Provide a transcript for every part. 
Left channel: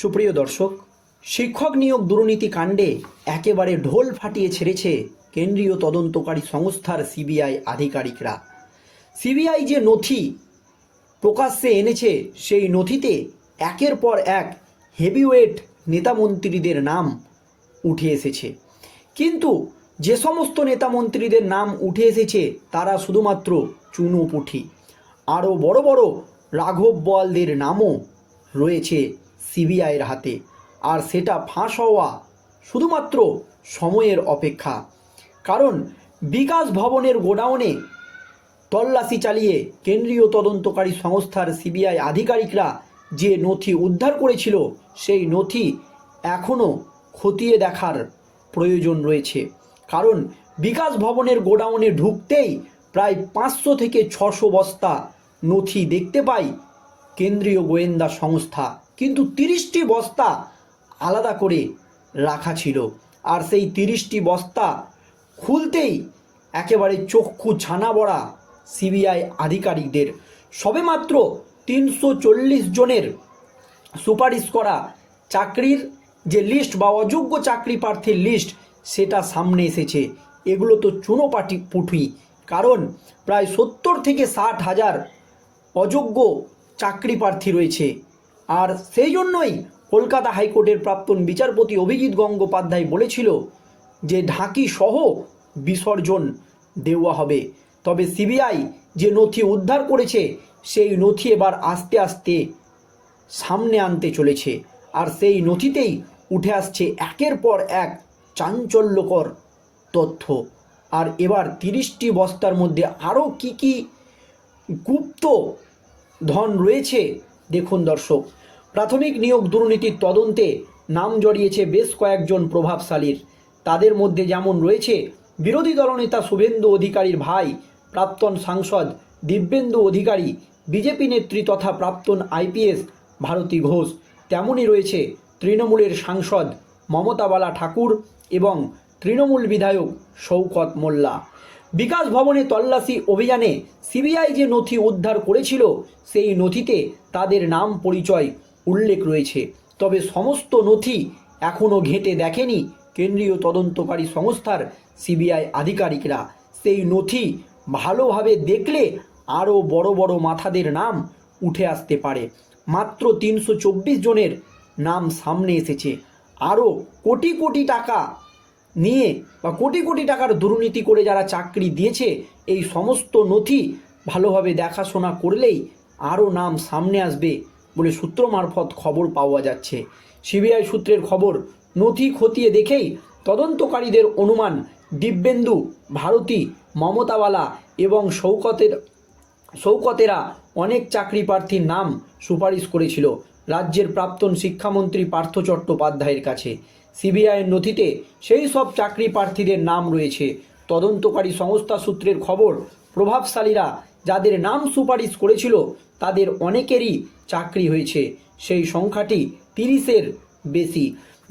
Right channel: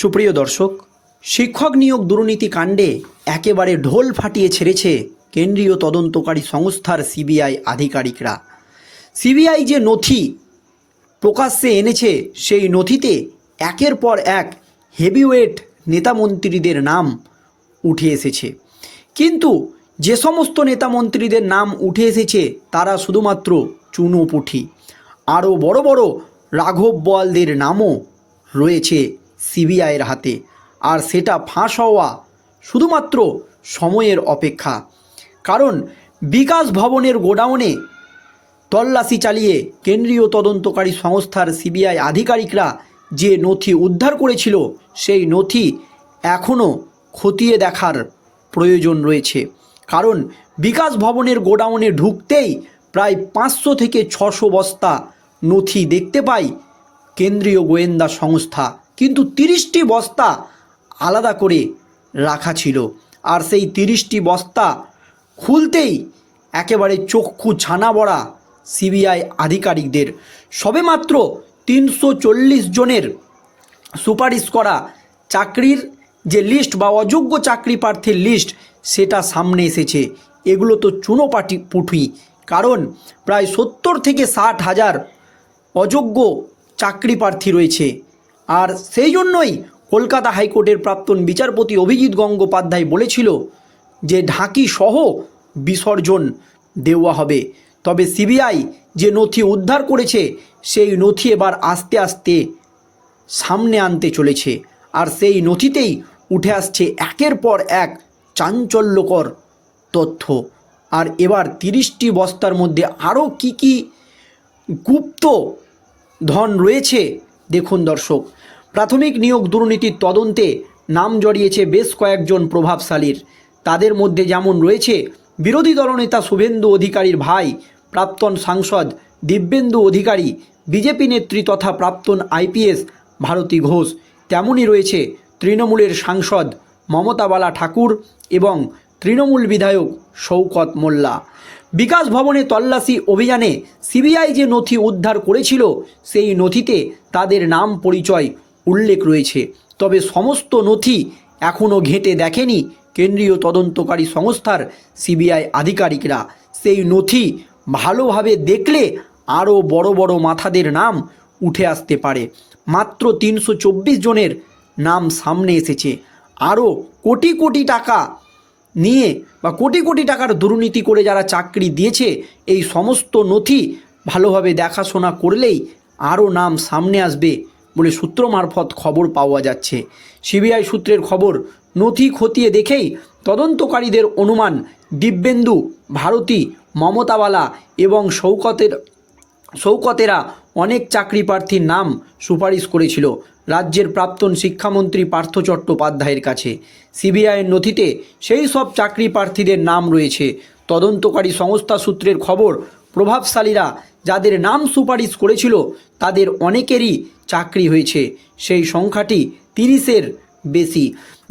সুপ্রিয় দর্শক, শিক্ষক নিয়োগ দুর্নীতি কাণ্ডে একেবারে ঢোল ফাটিয়ে ছেড়েছে কেন্দ্রীয় তদন্তকারী সংস্থার সিবিআই আধিকারিকরা। সিবিআই যে নথি প্রকাশ্যে এনেছে, সেই নথিতে একের পর এক হেভিওয়েট নেতামন্ত্রীদের নাম উঠে এসেছে। কিন্তু যে সমস্ত নেতামন্ত্রীদের নাম উঠে এসেছে, তারা শুধুমাত্র চুনোপুঠি আরও বড় বড় রাঘব বোয়ালদের নামও রয়েছে সিবিআইয়ের হাতে। আর সেটা ফাঁস হওয়া শুধুমাত্র সময়ের অপেক্ষা। কারণ বিকাশ ভবনের গোডাউনে তল্লাশি চালিয়ে কেন্দ্রীয় তদন্তকারী সংস্থার সিবিআই আধিকারিকরা যে নথি উদ্ধার করেছিল, সেই নথি এখনও খতিয়ে দেখার প্রয়োজন রয়েছে। কারণ বিকাশ ভবনের গোডাউনে ঢুকতেই প্রায় পাঁচশো থেকে ছশো বস্তা নথি দেখতে পাই কেন্দ্রীয় গোয়েন্দা সংস্থা। কিন্তু তিরিশটি বস্তা আলাদা করে রাখা ছিল। আর সেই তিরিশটি বস্তা খুলতেই একেবারে চক্ষু ছানা বড়া সিবিআই আধিকারিকদের, সবেমাত্র তিনশো চল্লিশ জনের সুপারিশ করা চাকরির যে লিস্ট বা অযোগ্য চাকরি প্রার্থীর লিস্ট সেটা সামনে এসেছে। এগুলো তো চুনো পাটি পুঠি। কারণ প্রায় সত্তর থেকে ষাট হাজার অযোগ্য চাকরি প্রার্থী রয়েছে। আর সেই জন্যই কলকাতা হাইকোর্টের প্রাক্তন বিচারপতি অভিজিৎ গঙ্গোপাধ্যায় বলেছিল যে ঢাকি সহ বিসর্জন দেওয়া হবে। তবে সিবিআই যে নথি উদ্ধার করেছে, সেই নথি এবার আস্তে আস্তে সামনে আনতে চলেছে। আর সেই নথিতেই উঠে আসছে একের পর এক চাঞ্চল্যকর তথ্য। আর এবার তিরিশটি বস্তার মধ্যে আরও কি কি গুপ্ত ধন রয়েছে দেখুন দর্শক। প্রাথমিক নিয়োগ দুর্নীতির তদন্তে নাম জড়িয়েছে বেশ কয়েকজন প্রভাবশালীর। তাদের মধ্যে যেমন রয়েছে বিরোধী দলনেতা শুভেন্দু অধিকারীর ভাই, প্রাক্তন সাংসদ দিব্যেন্দু অধিকারী, বিজেপি নেত্রী তথা প্রাক্তন আইপিএস ভারতী ঘোষ। তেমনই রয়েছে তৃণমূলের সাংসদ মমতাবালা ঠাকুর এবং তৃণমূল বিধায়ক শৌকত মোল্লা। বিকাশ ভবনে তল্লাশি অভিযানে সিবিআই যে নথি উদ্ধার করেছিল, সেই নথিতে তাদের নাম পরিচয় উল্লেখ রয়েছে। তবে সমস্ত নথি এখনও ঘেঁটে দেখেনি কেন্দ্রীয় তদন্তকারী সংস্থার সিবিআই আধিকারিকরা। সেই নথি ভালোভাবে দেখলে আরও বড় বড় মাথাদের নাম উঠে আসতে পারে। মাত্র তিনশো চব্বিশ জনের নাম সামনে এসেছে। আরও কোটি কোটি টাকা নিয়ে বা কোটি কোটি টাকার দুর্নীতি করে যারা চাকরি দিয়েছে, এই সমস্ত নথি ভালোভাবে দেখাশোনা করলেই আরও নাম সামনে আসবে বলে সূত্র মারফত খবর পাওয়া যাচ্ছে। সিবিআই সূত্রের খবর, নথি খতিয়ে দেখেই তদন্তকারীদের অনুমান দিব্যেন্দু, ভারতী মমতাওয়ালা এবং শৌকতের শৌকতেরা অনেক চাকরি প্রার্থীর নাম সুপারিশ করেছিল। রাজ্যের প্রাক্তন শিক্ষামন্ত্রী পার্থ চট্টোপাধ্যায়ের কাছে। সিবিআইয়ের নথিতে সেই সব চাকরি প্রার্থীদের নাম রয়েছে। তদন্তকারী সংস্থা সূত্রের খবর, প্রভাবশালীরা যাদের নাম সুপারিশ করেছিল, তাদের অনেকেরই চাকরি হয়েছে। সেই সংখ্যাটি তিরিশের বেশি।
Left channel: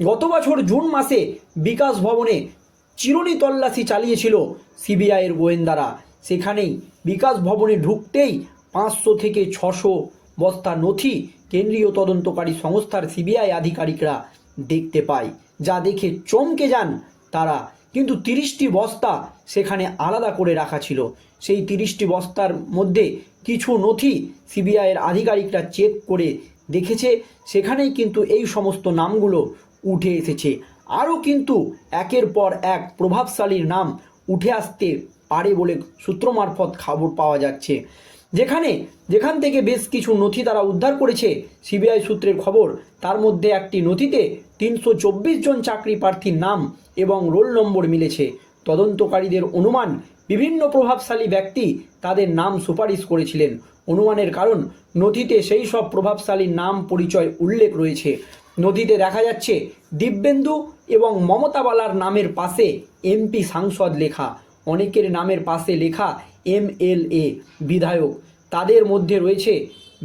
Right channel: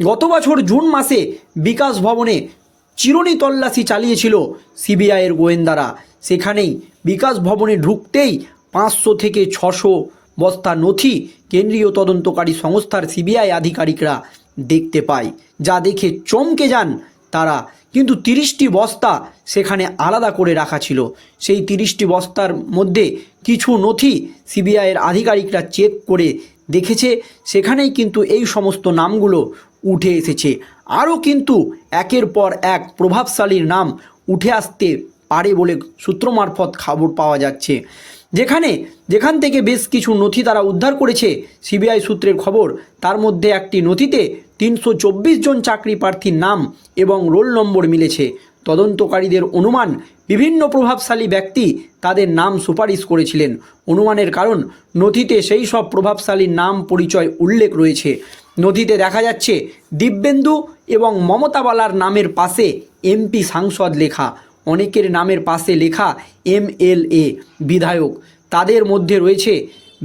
গত বছর জুন মাসে বিকাশ ভবনে চিরুনি তল্লাশি চালিয়েছিল সিবিআইয়ের গোয়েন্দারা। সেখানেই বিকাশ ভবনে ঢুকতেই পাঁচশো থেকে ছশো বস্তা নথি কেন্দ্রীয় তদন্তকারী সংস্থার সিবিআই আধিকারিকরা দেখতে পায়। যা দেখে চমকে যান তারা। কিন্তু তিরিশটি বস্তা সেখানে আলাদা করে রাখা ছিল। সেই তিরিশটি বস্তার মধ্যে কিছু নথি সিবিআইয়ের আধিকারিকরা চেক করে দেখেছে। সেখানেই কিন্তু এই সমস্ত নামগুলো উঠে এসেছে। আরও কিন্তু একের পর এক প্রভাবশালীর নাম উঠে আসতে পারে বলে সূত্র মারফত খবর পাওয়া যাচ্ছে। যেখানে যেখান থেকে বেশ কিছু নথি তারা উদ্ধার করেছে, সিবিআই সূত্রের খবর, তার মধ্যে একটি নথিতে তিনশো চব্বিশ জন চাকরি প্রার্থীর নাম এবং রোল নম্বর মিলেছে। তদন্তকারীদের অনুমান, বিভিন্ন প্রভাবশালী ব্যক্তি তাদের নাম সুপারিশ করেছিলেন। অনুমানের কারণ, নথিতে সেই সব প্রভাবশালীর নাম পরিচয় উল্লেখ রয়েছে। নথিতে দেখা যাচ্ছে, দিব্যেন্দু এবং মমতাবালার নামের পাশে এমপি সাংসদ লেখা। অনেকের নামের পাশে লেখা এম এল এ বিধায়ক। তাদের মধ্যে রয়েছে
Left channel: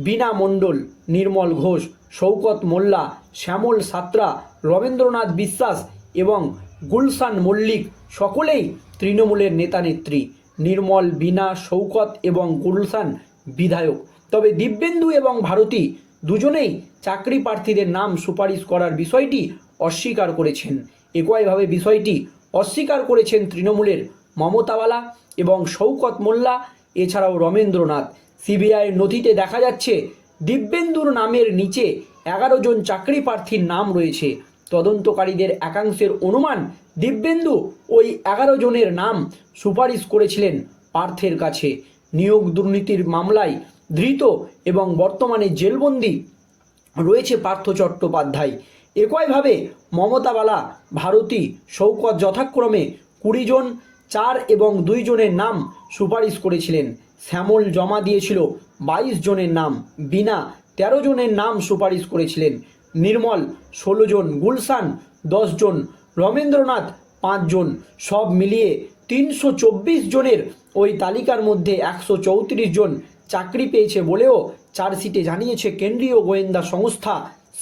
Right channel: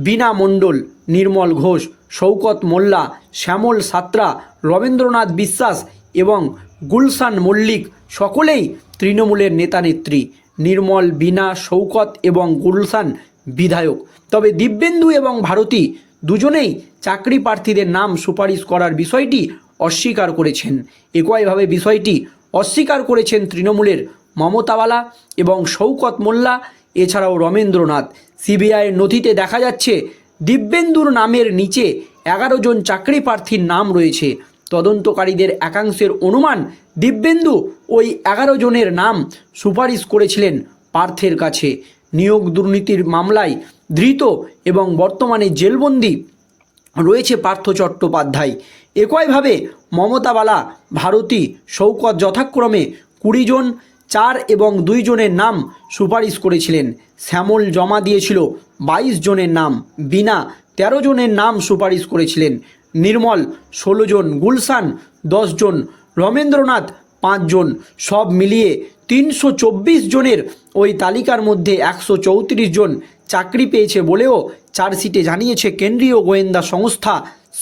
বীণা মণ্ডল, নির্মল ঘোষ শৌকত মোল্লা, শ্যামল সাত্রা, রবীন্দ্রনাথ বিশ্বাস এবং গুলশান মল্লিক। সকলেই তৃণমূলের নেতানেত্রী, নির্মল, বীণা শৌকত এবং গুলশান বিধায়ক। তবে দিব্যেন্দু এবং ভারতী দুজনেই চাকরি প্রার্থীদের নাম সুপারিশ করার বিষয়টি অস্বীকার করেছেন। একইভাবে বিষয়টি অস্বীকার করেছেন তৃণমূলের মমতাওয়ালা এবং শৌকত মোল্লা, এছাড়াও রমেন্দ্রনাথ। সিবিআইয়ের নথিতে দেখা যাচ্ছে, দিব্যেন্দুর নামের নিচে এগারো জন চাকরি প্রার্থীর নাম রয়েছে। তদন্তকারীদের একাংশের অনুমান, দিব্যেন্দু ওই এগারো জনের নাম সুপারিশ করেছিলেন পার্থের কাছে। নিয়োগ দুর্নীতির মামলায় ধৃত এবং বর্তমানে জেলবন্দি রয়েছে পার্থ চট্টোপাধ্যায়। একইভাবে মমতাবালা, ভারতী শৌকত যথাক্রমে কুড়ি জন চার এবং দুই জনের নাম সুপারিশ করেছিলেন। শ্যামল জমা দিয়েছিল বাইশ জনের নাম বিনা তেরো জনের নাম সুপারিশ করেছিলেন। নির্মল ষোলো জন, গুলশান দশ জন, রমেন্দ্রনাথ পাঁচজন সব মিলিয়ে তিনশো চব্বিশ জনের ওই তালিকার মধ্যে একশো চৌত্রিশ জন চাকরি পেয়েছে বলেও চার্জশিটে জানিয়েছে কেন্দ্রীয় গোয়েন্দা সংস্থা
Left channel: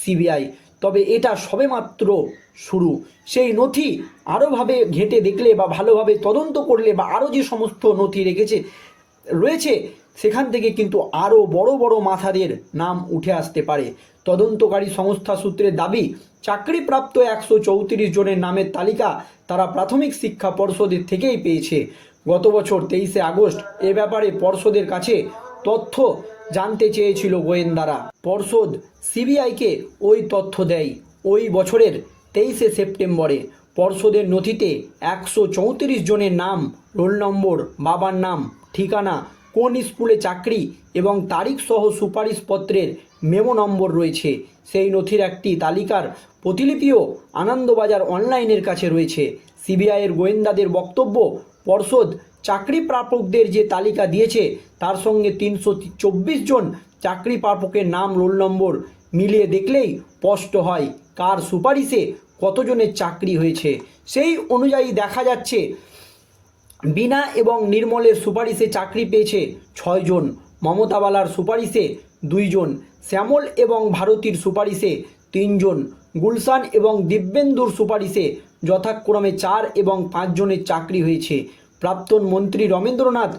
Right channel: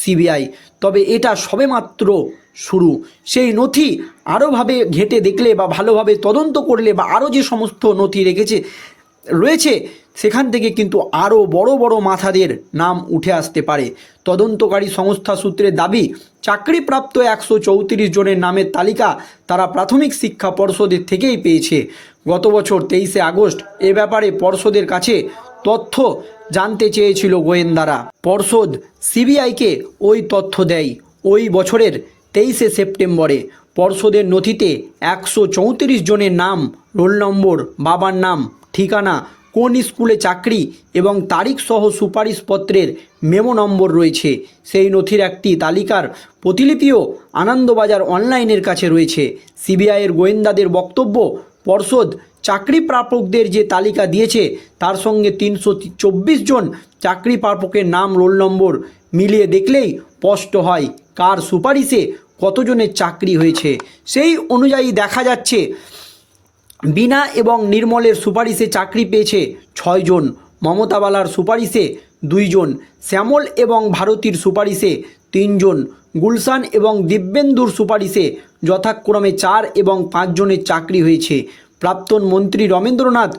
সিবিআই। তবে এটা সবেমাত্র শুরু। সেই নথি আরোভাবে ঘেঁটে দেখলে বা ভালোভাবে তদন্ত করলে বা আরও যে সমস্ত নথি রেখেছে, রয়েছে, সেখান থেকে কিন্তু আরও বড় বড় মাথাদের নাম উঠে আসতে পারে। তদন্তকারী সংস্থা সূত্রের দাবি, চাকরিপ্রাপ্ত একশো চৌত্রিশ জনের নামের তালিকা তারা প্রাথমিক শিক্ষা পর্ষদের থেকেই পেয়েছে। গত বছর তেইশে আগস্ট এ ব্যাপারে পর্ষদের কাছে তথ্য জানতে চেয়েছিল গোয়েন্দারা। পর্ষদ সিবিআইকে ওই তথ্য দেয়। ওই বছরের তেইশে সেপ্টেম্বরে পর্ষদের নথিতে একশো চৌত্রিশ জনের নাম, রোল নম্বর, বাবার নাম, ঠিকানা, কোন স্কুলে চাকরি এবং তারিখ সহ সুপারিশপত্রের মেমো নম্বর রয়েছে। সেই নথির একটি তালিকার প্রতিলিপিও আনন্দবাজার অনলাইনের কাছে রয়েছে। সিবিআইয়ের গোয়েন্দাদের বক্তব্য, পর্ষদ চাকরি প্রাপকদের যে তালিকা দিয়েছে, তার সঙ্গে তিনশো চব্বিশ জন চাকরি প্রাপকের নাম রোল নম্বর মিলিয়ে দেখলেই স্পষ্ট হয় কার সুপারিশে কতজনের চাকরি হয়েছে। সেই অনুযায়ী দেখা যাচ্ছে, বিনা এবং নির্মলের সুপারিশে চাকরি পেয়েছে ছয়জন মমতাবালার সুপারিশে দুইজন শ্যামল এবং ভারতীর সুপারিশে তিনজন গুলশান এবং দিব্যেন্দুর সুপারিশে যথাক্রমে চার এবং পাঁচজনের চাকরি হয়েছে। প্রাক্তন মন্ত্রী রমেন্দ্রনাথ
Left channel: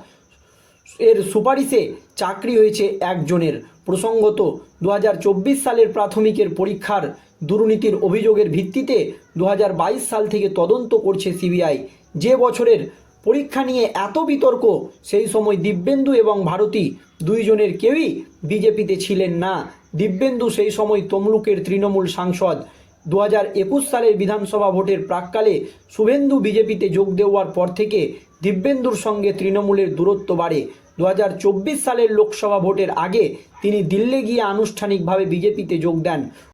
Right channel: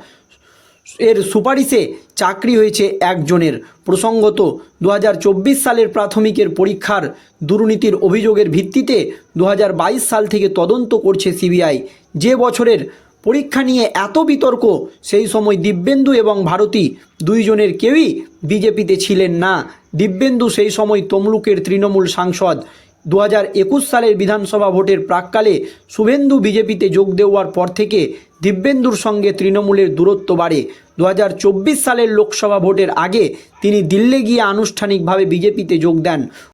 এর সুপারিশে চাকরি হয়েছে একজনের। প্রসঙ্গত দু হাজার চব্বিশ সালের প্রাথমিকের পরীক্ষার দুর্নীতির অভিযোগের ভিত্তিতে দু হাজার বাইশ সাল থেকে তদন্ত করছে সিবিআই। যে বছরের পরীক্ষা নিয়ে এত বিতর্ক, সেই সময় দিব্যেন্দু এবং ভারতী দুইজনের কেউই বিজেপিতে ছিলেন না। দিব্যেন্দু সেই সময় তমলুকের তৃণমূল সাংসদ। দু সালের বিধানসভা ভোটের প্রাককালে শুভেন্দু বিজেপিতে যোগ দেওয়ার পর থেকে দিব্যেন্দুর সঙ্গে তৃণমূলের দূরত্ব বাড়ে। দু হাজার চব্বিশ সালের লোকসভা ভোটের আগে তিনি দিল্লি গিয়ে আনুষ্ঠানিকভাবে বিজেপিতে যোগ দেন।